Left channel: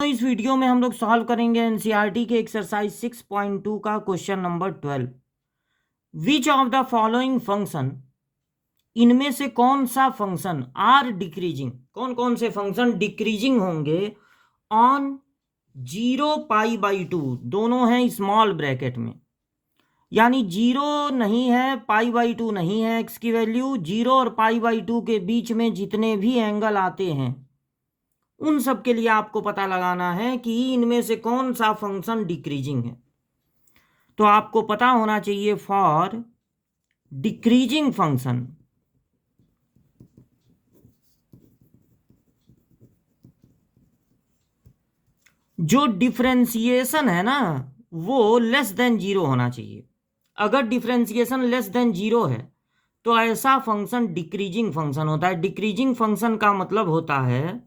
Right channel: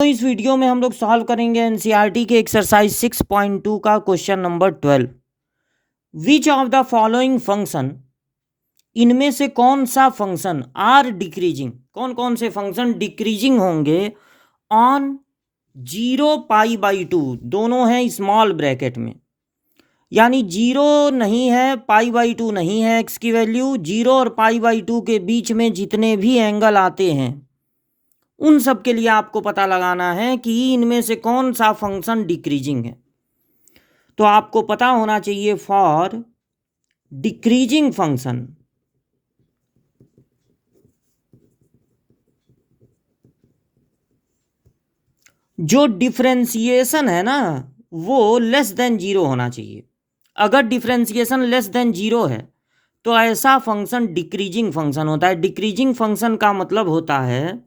तो इस वीडियो में हम लोग सॉल्व करेंगे एनसीईआरटी के एक्सरसाइज 6.2 का question number 12। Which of the following function, इनमें से कौन सा फंक्शन आर डिक्रीजिंग, कौन कौन से फंक्शन डिक्रीजिंग होंगे ऑन 0 π/2, दोनों हैं स्मॉल ब्रैकेट में, यानी 0 नहीं है, π/2 नहीं है एक्स की वैल्यू, 0 और π/2 के बीच में जितने भी एंगल आते हैं उन सब के लिए आपको पता लगाना है कि इनमें से कौन सा फंक्शन डिक्रीजिंग है। तो आपको पता होना चाहिए फॉर डिक्रीजिंग फंक्शन, जो डिफरेंशिएशन है ना वो लेस देन 0 होना चाहिए। अगर डिफरेंशिएशन लेस देन 0 है तो ऐसा फंक्शन डिक्रीजिंग फंक्शन होता है। डिक्रीजिंग फंक्शन का मतलब होता है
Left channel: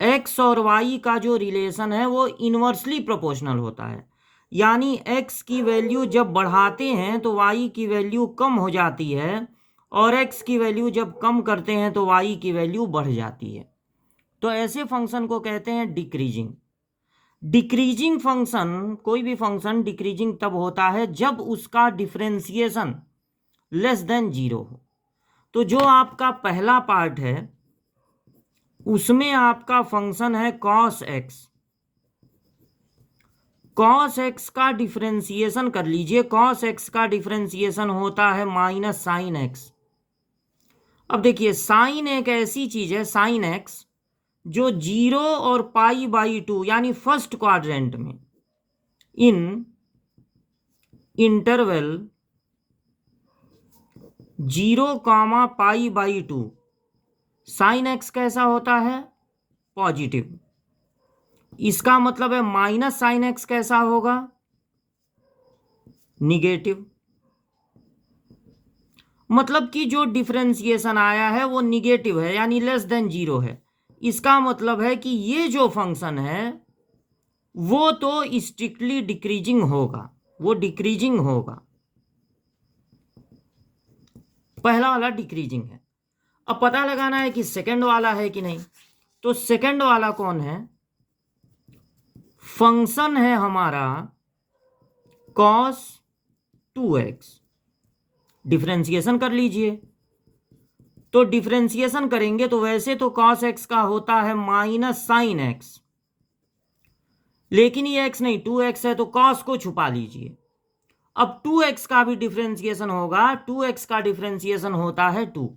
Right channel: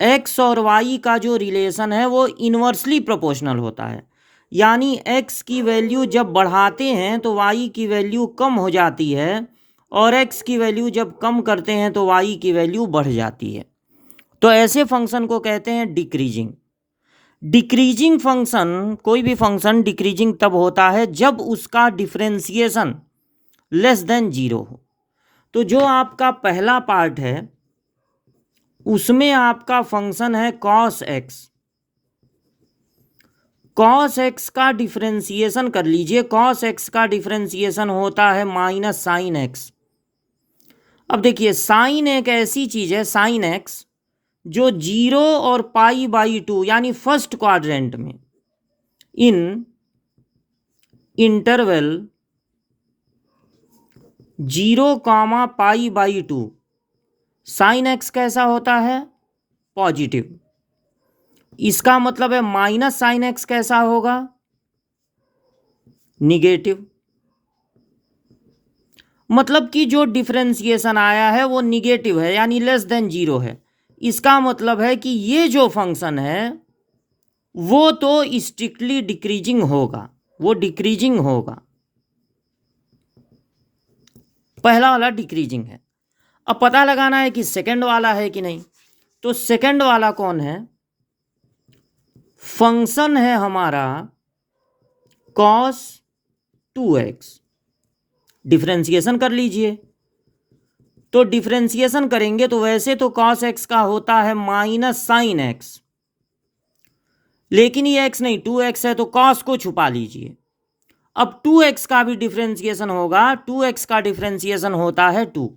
एक्स और वाई का जो रिलेशन है वो इन्वर्सली प्रोपोर्शनल होता है, यानी एक्स की वैल्यू जब बढ़ाते हैं तो वाई की वैल्यू कम हो जाती है, और एक्स की वैल्यू जब कम करते हैं तो वाई की वैल्यू बढ़ जाती है। तो ऐसे फंक्शन को कहते हैं डिक्रीजिंग। डिक्रीजिंग फंक्शन, कोई भी फंक्शन डिक्रीजिंग तब होता है जब उसका डिफरेंशिएशन लेस देन 0 हो। तो जो आपका पहला पार्ट है उसमें आपका फंक्शन है कॉस एक्स। कॉस एक्स का डिफरेंशिएशन कर लीजिए, कॉस एक्स का डिफरेंशिएशन होता है माइनस साइन एक्स। अब देखिए साइन एक ऐसी चीज है, साइन एक्स, जो 0 और π/2 यानी फर्स्ट क्वाड्रेंट में इन इंटरवल 0, π/2 साइन एक्स कैसा होता है, पॉजिटिव। इसका मतलब है माइनस साइन एक्स कैसा होगा, निगेटिव। मतलब कि जो डिफरेंशिएशन आया है वो निगेटिव है, यानी लेस देन 0 है। इसका मतलब है कि ये जो फंक्शन है वो तो स्ट्रिक्टली डिक्रीजिंग होगा, वो डिक्रीजिंग होगा। पहला वाला डिक्रीजिंग है। अब पता लगाना है कि सेकंड वाला है कि नहीं। तो सेकंड वाला कौन है, फंक्शन है हमारा cos 2x। डिफरेंशिएशन कर लीजिए। तो डिफरेंशिएशन करेंगे तो वैसे तो cos x का होता है माइनस साइन एक्स, लेकिन ये x नहीं 2x है, तो cos को छुपा लीजिए। अब 2x का भी डिफरेंशिएशन होगा, 2x का डिफरेंशिएशन होता है 2,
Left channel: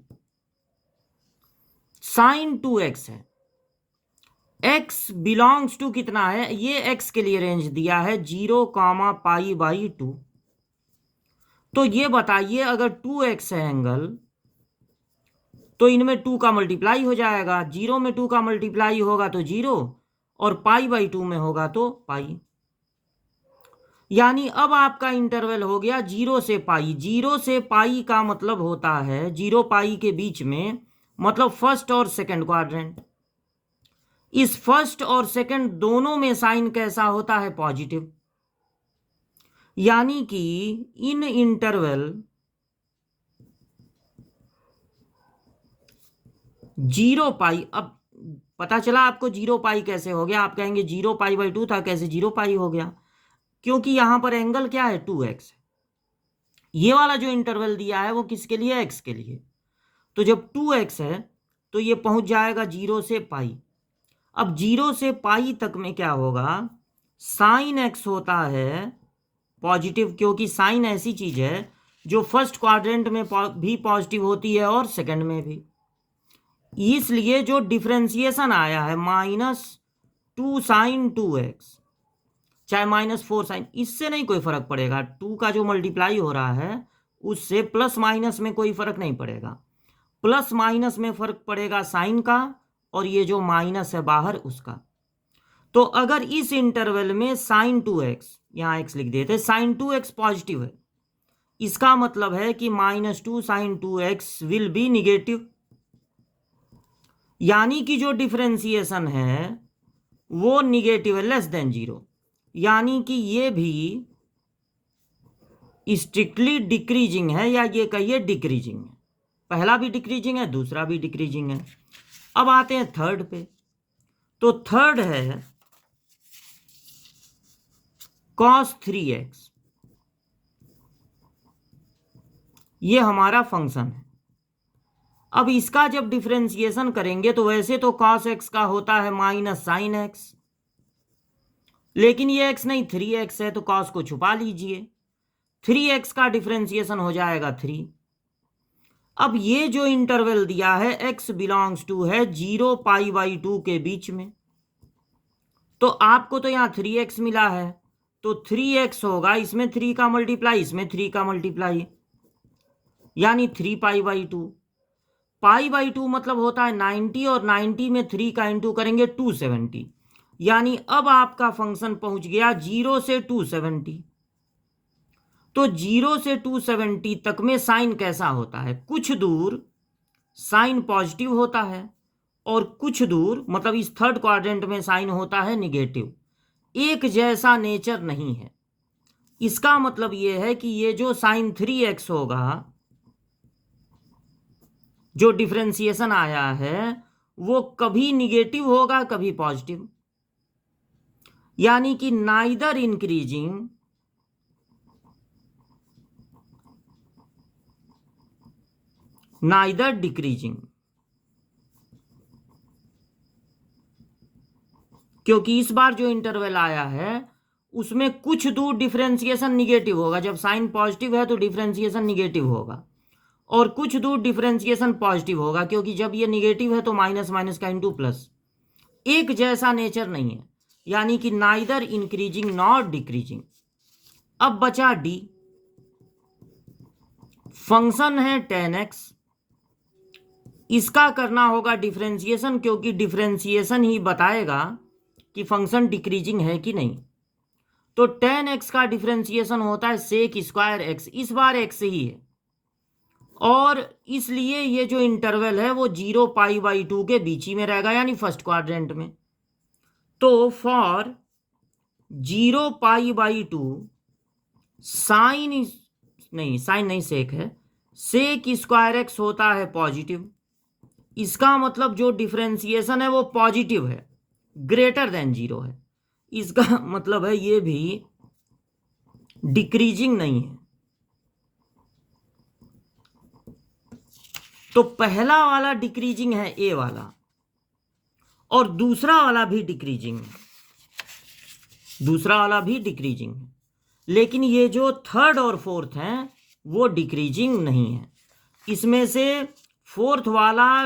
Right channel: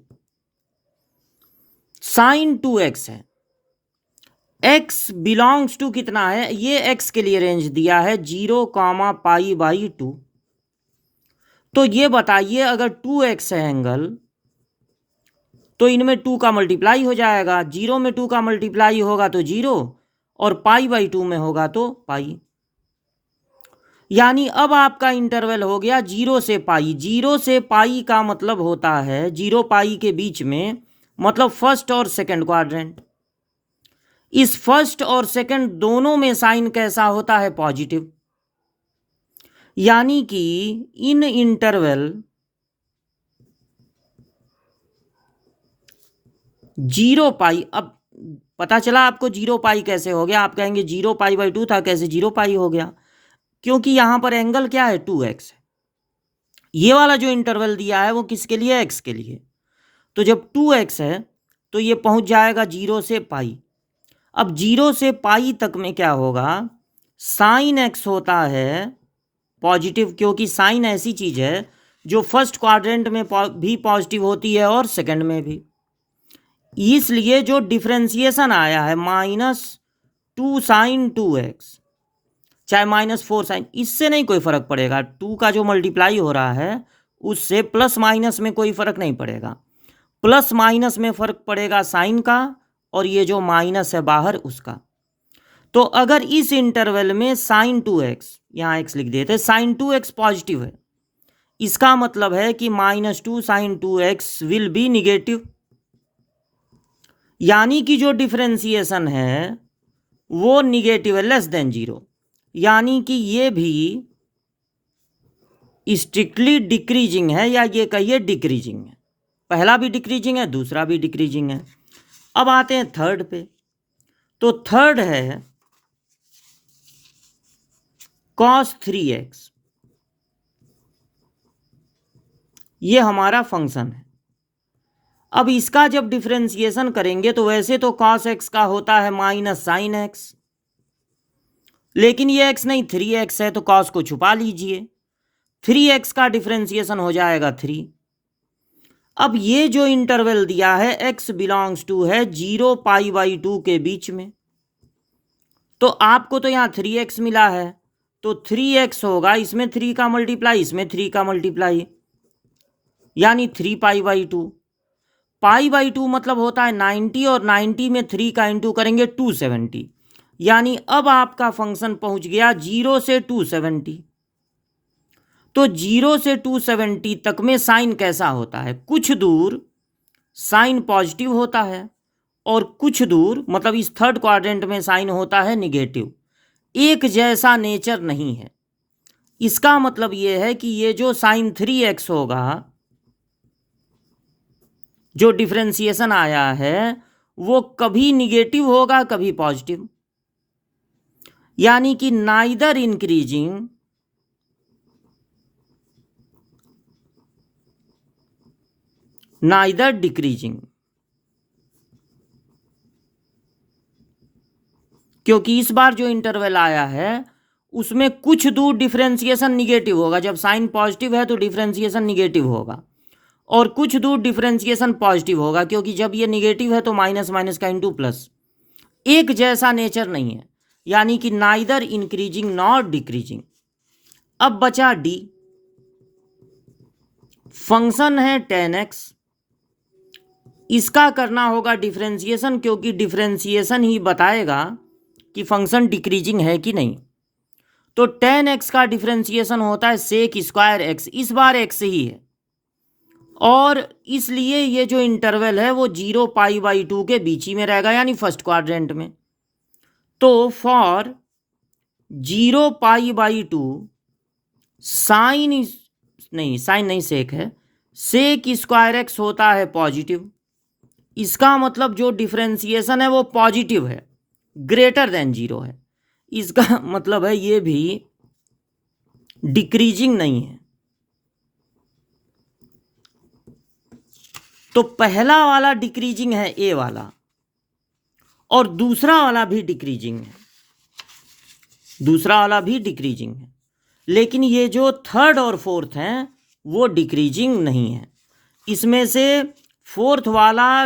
साइन 2x है। x बिलोंग्स टू कितना है, ये x के लिए रेंज दिया है 0, π/2। तो ये बताइए अगर 2x है एंगल तो इनमें 2 का मल्टीप्लाई हो जाएगा, 0 में 2 का मल्टीप्लाई होगा तो 0, और π/2 में होगा तो पाई। यानी अब आपका इंटरवल हो गया 0 से पाई। 0 से पाई का मतलब होता है 0 पाई के बीच में, मतलब फर्स्ट और सेकंड क्वाड्रेंट। इस फर्स्ट और सेकंड दोनों में साइन कैसा होता है, पॉजिटिव। यानी कि इन इंटरवल 0 पाई, अब पता चला आपको 0 पाई कैसे हो गया। आप कहेंगे 0 π/2 था, कैसे 0 पाई हो गया, क्योंकि यहां पर एंगल क्या है, 2x है। ये वाला जो इंटरवल दिया है वो किसके लिए, x के लिए। तो जब 2x है तो ये पहुंच जाएगा 0 से पाई। अब 0 से पाई तक में क्या होगा, साइन x होता है पॉजिटिव, क्योंकि साइन ऐसी चीज है जो फर्स्ट क्वाड्रेंट में भी पॉजिटिव होती है और सेकंड में भी। इसलिए जो डिफरेंशिएशन आया है -2 साइन 2x, चाहे -4 साइन, इससे नहीं कोई फर्क पड़ेगा। 2 का जो मल्टीप्लाई हो रहा है उससे प्लस माइनस में कोई फर्क नहीं पड़ेगा। प्लस माइनस में फर्क पड़ेगा साइन का, और ये जो माइनस है बाहर उसका। तो अगर इस इंटरवल में साइन 2x, यहाँ x लिख देते, साइन 2x पॉजिटिव है, इसका मतलब है कि -2 sign 2x will be negative. यानी कि जो डिफरेंशिएशन है वो निगेटिव है, लेस देन 0। यानी कि ये भी स्ट्रिक्टली डिक्रीजिंग है, या ये कहिए डिक्रीजिंग है। पहला भी डिक्रीजिंग है, दूसरा भी डिक्रीजिंग है। अब आते हैं थर्ड पे। तो थर्ड है cos 3x, ये हमारा फंक्शन है। अब इसका जब डिफरेंशिएशन करेंगे तो वैसे तो cos x का होता है माइनस साइन x, लेकिन ये x नहीं 3x है, तो cos को छुपा लीजिए, 3x का डिफरेंशिएशन हो जाएगा 3। अब ये जो इंटरवल दिया है x बिलोंग्स टू है 0π/2 के बीच में, तो आपको तो यहाँ 3x मिला है, तो 3x होगा, इसमें 3 का मल्टीप्लाई, इसमें 3 का मल्टीप्लाई, यानी 3π/2। π/2 मतलब होता है 90, और 90 में 3 का इंटू करेंगे 270, यानी अब आपका फंक्शन पहुंच गया 0 से 270। तो 0 से 270 तक में साइन कैसा होता है? कुछ दूर साइन पॉजिटिव होता है, और कुछ दूर मतलब इस थर्ड क्वाड्रेंट में साइन होता है निगेटिव। एक जैसा नेचर नहीं है। इसका मतलब ये है कि ये जो साइन 3x होगा, जो डिफरेंशिएशन आया है, वो कभी निगेटिव होगा कभी पॉजिटिव, यानी कि नाइदर इंक्रीजिंग नाइदर डिक्रीजिंग, क्योंकि इस बार जो इंटरवल आया है उसमें कुछ दूर डिफरेंशिएशन निगेटिव होगा। जब साइन पॉजिटिव है तो डिफरेंशिएशन निगेटिव होगा, और कुछ दूर डिफरेंशिएशन पॉजिटिव होगा, क्योंकि जब ये निगेटिव है तो माइनस माइनस का इंटू प्लस। एक जैसा नेचर नहीं है, यानी कि नाइदर इंक्रीजिंग नॉट डिक्रीजिंग। अब बचा डी, फंक्शन है tan x, इसका करना होगा डिफरेंशिएशन, क्योंकि डिफरेंशिएशन ही बताएगा कि फंक्शन डिक्रीजिंग है कि नहीं। तो tan x का डिफरेंशिएशन होता है सेक स्क्वायर x, इस बार x ही है, और इसलिए ये जो इंटरवल है वो 0π/2 के बीच ही में रहेगा, यानी फर्स्ट क्वाड्रेंट में। तो फॉर 0π/2 साइन नहीं सेक है, सेक स्क्वायर x होता है पॉजिटिव। इसका मतलब जो डिफरेंशिएशन है वो पॉजिटिव है, ग्रेटर देन 0 है। इसका मतलब है ये भी डिक्रीजिंग नहीं है। तो पहला वाला डिक्रीजिंग है ए वाला, और दूसरा वाला भी डिक्रीजिंग है, दूसरा वाला भी डिक्रीजिंग है, लेकिन ये जो थर्ड और फोर्थ हैं वो डिक्रीजिंग नहीं है। इसमें से फोर्थ वाला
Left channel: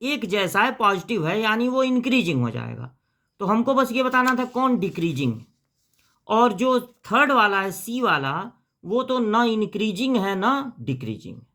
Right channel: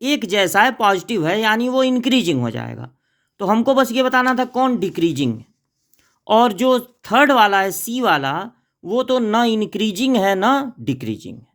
एक जैसा है, पॉजिटिव है, यानी वो इंक्रीजिंग हो जाएगा। तो हमको बस ये बताना था कौन डिक्रीजिंग है, और जो थर्ड वाला है सी वाला, वो तो ना इंक्रीजिंग है ना डिक्रीजिंग है।